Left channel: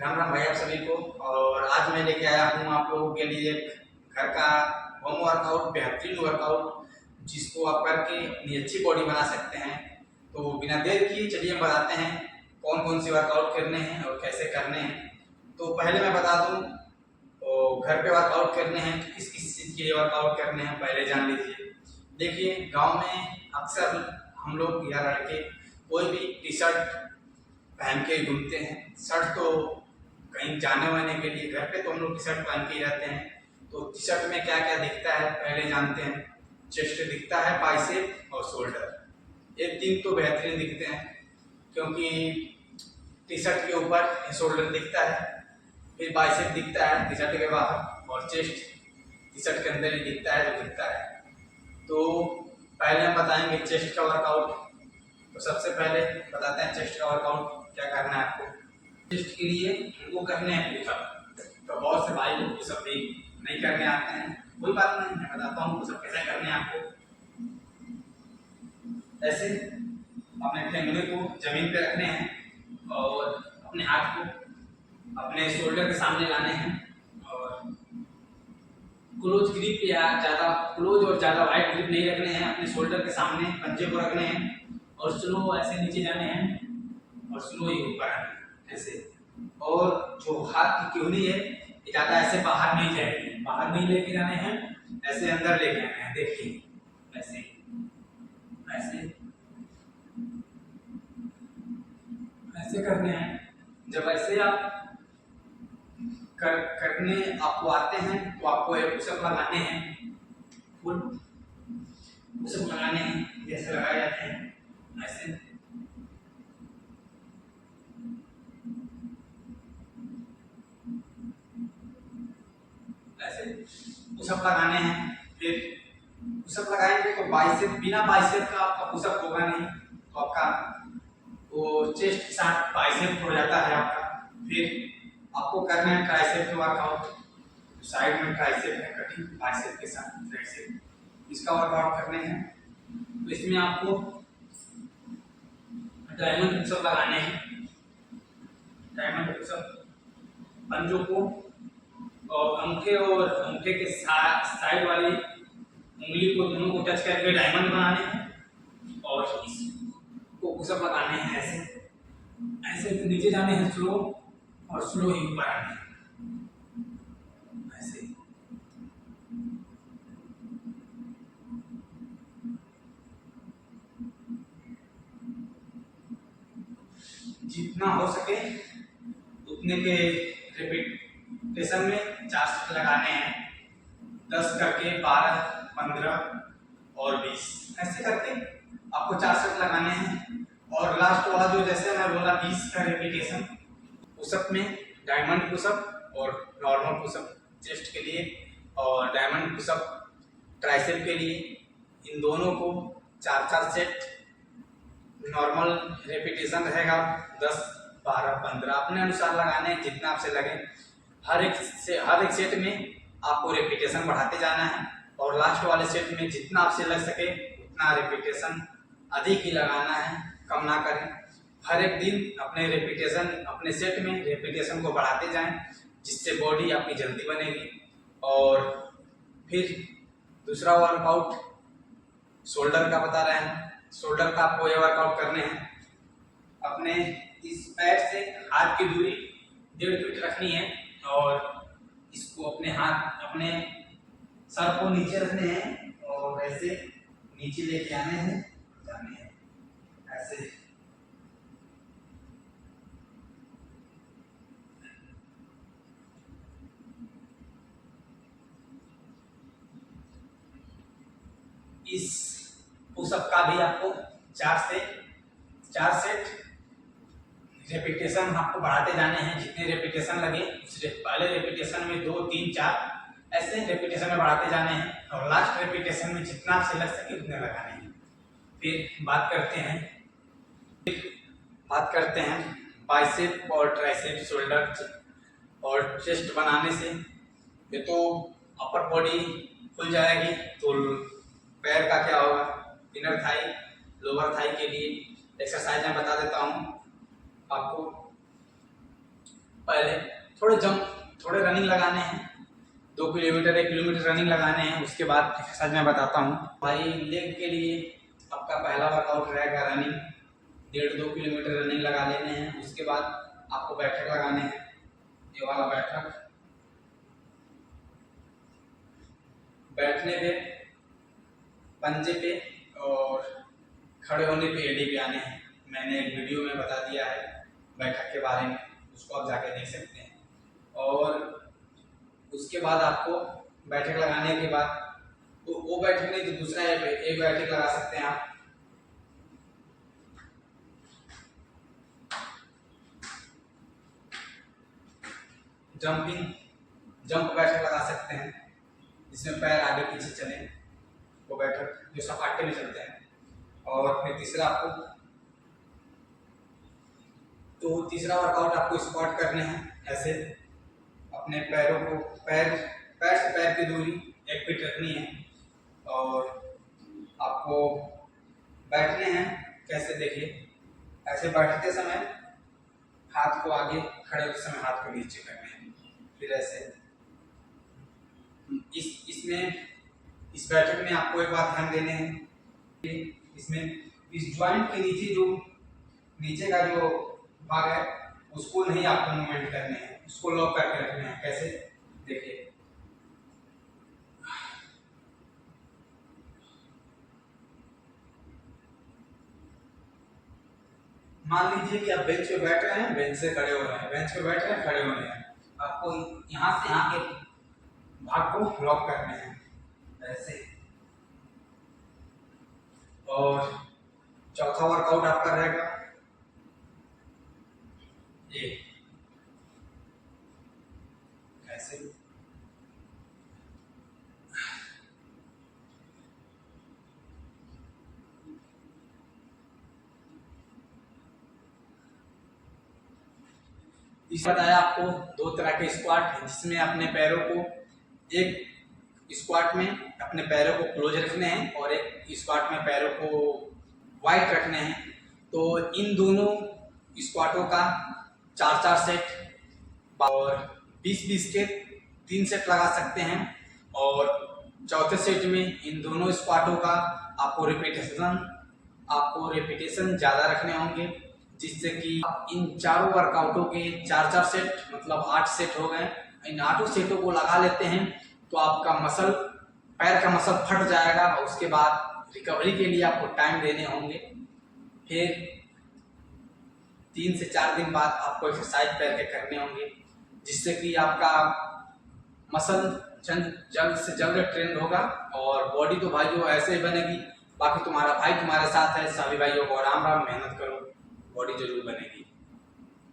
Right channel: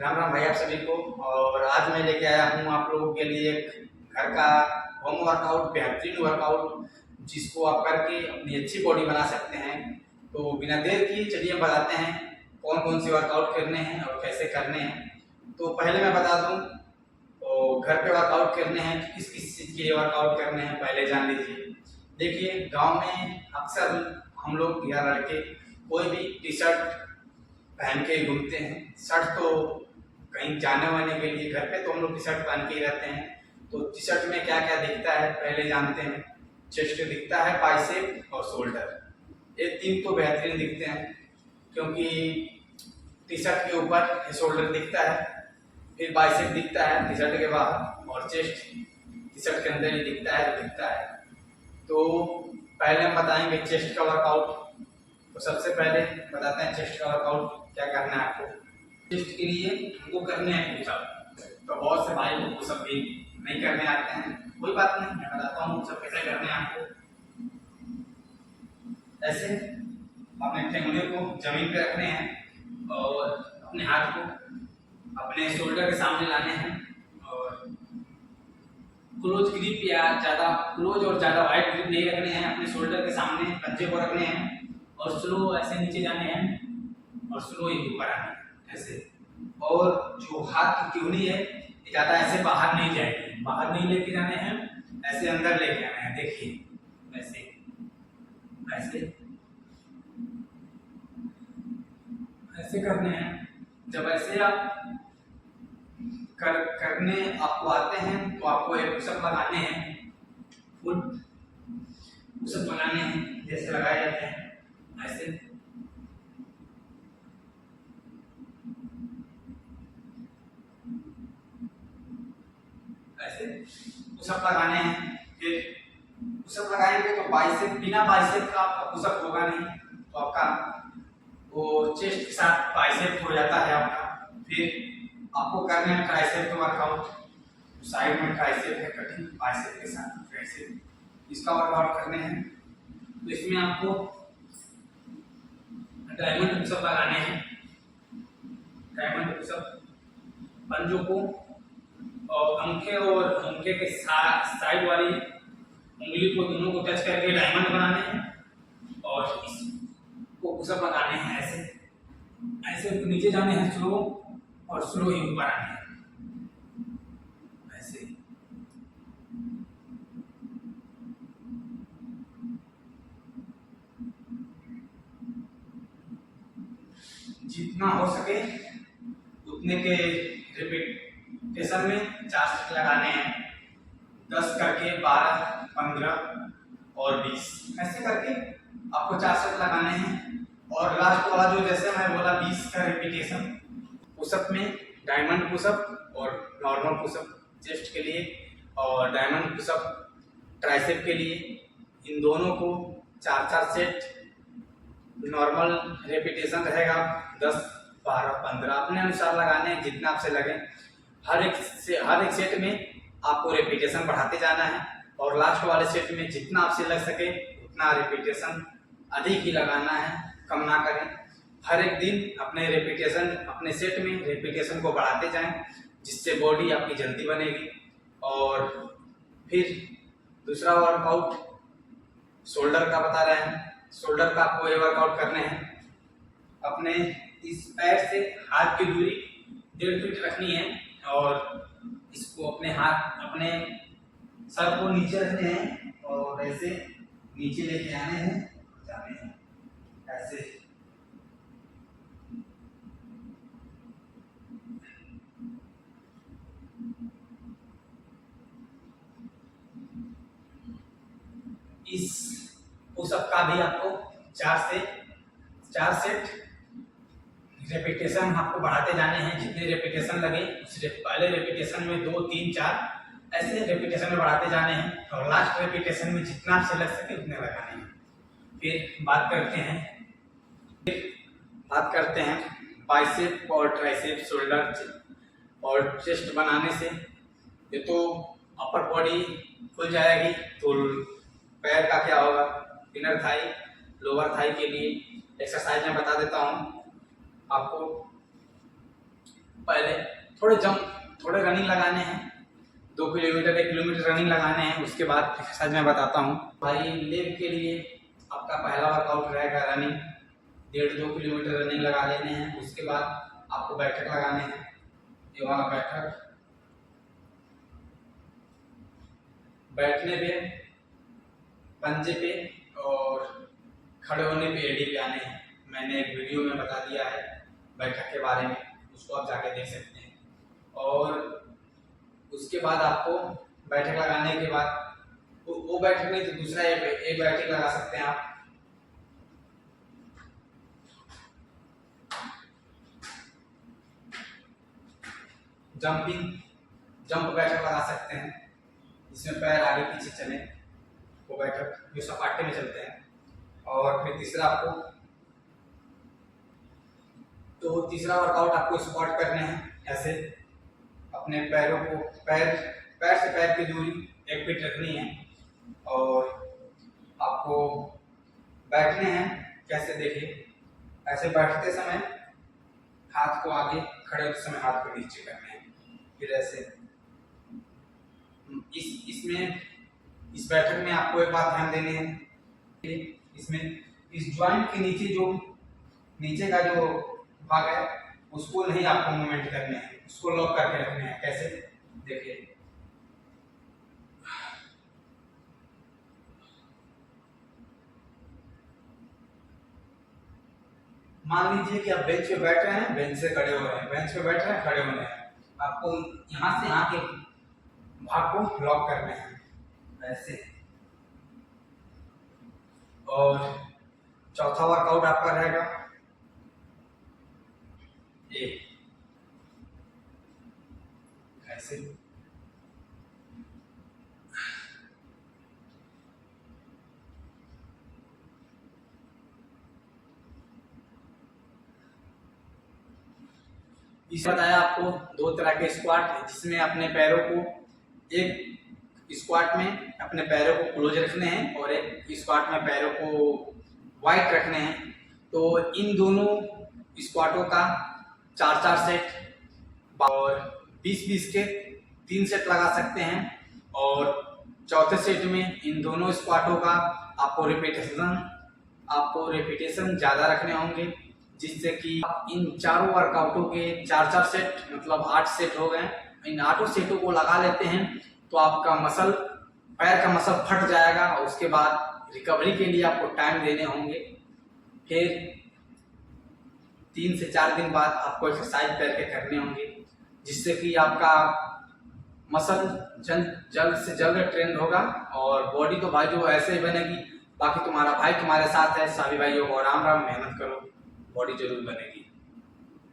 राम राम भाई आप सभी को। और आज मैं लेके आया हूँ आप लोगों के लिए एक घर का होम वर्कआउट, बेहतरीन वर्कआउट जिसको आप करके अपनी अच्छी बॉडी बना सकते हैं। तो बिना देर किए चलिए हम बताते हैं कौन कौन से वर्कआउट करने हैं और कैसे करने हैं। तो पहले मैं बता दूं, तो घर पे वर्कआउट करने हैं, किस किस चीज़ के लिए वर्कआउट करने हैं पहले जान लीजिए। देखिए, गांव में अक्सर हम लोग या लड़के कोई भी टी शर्ट पहन के घूमते हैं। शर्ट तो कहीं जाने वाने के लिए, घर पे तो हम लोग टी शर्ट पहन के ही रहते हैं। तो टी शर्ट में क्या क्या दिखता है पहले जानते हैं। चेस्ट दिखता है, बाइसेप और शोल्डर, ये तीन तो बेहतरीन दिखते हैं क्योंकि टी शर्ट के ऊपर शोल्डर दिखता है, फिर बाइसेप दिखता है टी शर्ट के बाहर, और चेस्ट टी शर्ट के अंदर ही दिखता है जो दिखता है। तो पहले हम बताएंगे चेस्ट का वर्कआउट। तो सबसे पहले बताते हैं चेस्ट का वर्कआउट क्या करना है आपको। चेस्ट के लिए हमको करने हैं पुशअप। तो बहुत से भाई लोग पुशअप भी नहीं करने आते हैं, कोई बात नहीं, मैं बताता हूँ पुशअप कैसे करने हैं आपको। ऐसे अपने ठेंगुने को जमीन पे रखने हैं और अपने हाथ को अपने शोल्डर के सामने लाने हैं और क्लोज ग्रिप या ज़्यादा क्लोज और ज़्यादा वाइड ग्रिप नहीं रखने हैं। अपने शोल्डर के सामने पंजे को रखने हैं और स्लो ऐसे नीचे जाने हैं और स्लो ही ऊपर आने हैं ऐसे। और जो हाथ की किहनी है ये ज़्यादा ऐसे बाहर नहीं जाएगी, बाहर नहीं लेके जाने हैं, ऐसे अंदर लेके आने हैं। देखिए ऐसे ऐसे ऐसे करने हैं। जब ऐसे आप करने आपको आते हैं तो आपको एक पुशअप लगाने हैं, फुल पुशअप लगाने हैं जैसे लगाए जाते हैं ऐसे। ऐसे पुशअप लगाने हैं। फिर पुशअप लगाएंगे तो बाइसेप, बिना बाइसेप का आपका पुशअप होगा नहीं, तो आपका वो चेस्ट के साथ बाइसेप हो जाता है आपका। फिर आपको करना है ट्राइसेप का वर्कआउट। साइड में ट्राइसेप है कटिंग, बाइसेप के साथ ट्राइसेप, इसका वर्कआउट करने हैं। तो इसमें आपको डायमंड पुशअप लगाने हैं। डायमंड पुशअप पंजों को और अंगूठे के साइड वाली उंगली को, दोनों को टच करके डायमंड बनाने हैं और इसको पुशअप लगाने हैं ऐसे ऐसे। तो नीचे जाने हैं स्लो और स्लो ही ऊपर आने हैं ऐसे। जितना हो सके उतने के रिपीटेशन में 4 सेट लगाने हैं। 10 करके 12, 15 और 20 ऐसे करके आपको 4 सेट लगाने हैं। और लास्ट वाला जो जैसे मैं बोला 20 का रिपीटेशन, पुशअप में डायमंड पुशअप और नॉर्मल पुशअप चेस्ट के लिए, और डायमंड पुशअप ट्राइसेप के लिए। इन दोनों को 4-4 सेट नॉर्मल रेपिटेशन रहेगा 10, 12, 15 अपने अनुसार लगाने हैं, जितना आपसे लगे। हर एक सेट में आपको रेपिटेशन बढ़ाते जाना है और लास्ट वाले सेट में जितना आपसे लग सके उतना रेपिटेशन अधिक ही लगाना है, कम ना करें। हर एक दिन अपने रेपिटेशन, अपने सेट में रेपिटेशन को बढ़ाते जाएं, जिससे बॉडी आपकी जल्दी बनेगी। और फिर दूसरा वर्कआउट शोल्डर का बता रहे हैं। शोल्डर का आपको ये वर्कआउट करने हैं। अपने इस पैर से हाथ की दूरी 1.5 फीट रखनी है और इसको अपने हाथ, अपने सर को नीचे रखने हैं और ऐसे नीचे लेके आने हैं, जाने हैं ऐसे। इस पुशअप का भी आपको 4 सेट रेपिटेशन आपको बढ़ाते जाने हैं। जितने रेपिटेशन लगे उस पहले रेपिटेशन में 2, 3, 4 ऐसे रेपिटेशन में बढ़ाते जाने हैं और लास्ट रेपिटेशन में जितना आपसे लग सके उतने लगाने हैं। फिर बात करते हैं बाइसेप और ट्राइसेप, शोल्डर और चेस्ट बनाने से। ये तो अपर बॉडी खुल जाएगी, तो पैर का क्या होगा, इनर थाई, लोअर थाई के लिए एक्सरसाइज मैं बता देता हूँ आपको। पहले थोड़े रनिंग लगाने हैं, 2 किलोमीटर 1 किलोमीटर रनिंग लगाने हैं। उसके बाद एक्सरसाइज मैं बताता हूँ भाई। लेग के लिए आपका पहला वर्कआउट रहेगा रनिंग, 1.5-2 किलोमीटर रनिंग लगा लेने हैं। उसके बाद आपको बैठक लगाने हैं, ये वाला बैठक। बैठने पे, पंजे पे और खड़े होने पे एडी पे आने हैं। मैंने एक वीडियो में बता दिया है बैठक के बारे में, उसको आप जाके देख सकते हैं। और उसके बाद आपको बैठक लगाने के बाद वो बैठक नहीं तो दूसरा एक बैठक लगा सकते हैं आप। जंप बैठक लगा सकते हैं, जिसमें पैर आगे पीछे चले, वो बैठक जो सपाटे में चलते हैं। और फिर तीसरा वर्कआउट आपको स्क्वाट करने हैं। ऐसे अपने पैरों को पैर से पैर की दूरी 1 फीट रखनी है। और आपको बैठने हैं कैसे, देखिए ऐसे बैठते समय हाथ को आगे, खड़े होते समय हाथ को नीचे करने हैं। फिर ऐसे इस बैठक में आपको एक बात ध्यान देने हैं, इसमें इस जॉइंट के नीचे का जो भाग है उसको नहीं आपको मूवमेंट करने हैं, उसको लॉक करके रखने हैं। कैसे, देखिए मान लीजिए कि आप बेंच पे बैठ रहे हैं, बेंच से खड़े हो रहे हैं, बेंच पे बैठ रहे हैं, खड़े हो रहे हैं। आपको यहाँ से यहाँ के भाग को लॉक करने हैं ऐसे। और चौथा वर्कआउट आपका रहेगा ये ऐसे। इस बताया आपको 2 तरह के स्क्वाट है, जिसमें अपने पैरों को, एक स्क्वाट में अपने पैरों को क्लोज रखने हैं और एक स्क्वाट में पैरों को वाइड रखने हैं। तो इन दोनों स्क्वाटों का 4-4 सेट और 20-20 के 3 सेट लगा सकते हैं। और चौथे सेट में इन दोनों स्क्वाटों का आपको रिपीटेशन ज़्यादा रखने होंगे, जिससे कि इन चारों वर्कआउटों के 4-4 सेट मतलब 8 सेट हो गए। इन 8 सेटों को लगा लेते हैं तो आपका पैर का मसल फट जाएगा। और उसके बाद रिकवरी के लिए आपको टाइम देने होंगे। फिर 3 से 4 दिन बाद आपको एक्सरसाइज पैर के करने होंगे, जिससे कि आपका मसल जल्द से जल्द ट्रेंड होगा। और बॉडी तो भाई जो ऐसे ही बनेगी। बाकी तुम्हारा भाई तुम्हारे साथ है, सभी भाइयों को राम राम, मेहनत करो, बॉडी जरूर बनेगी।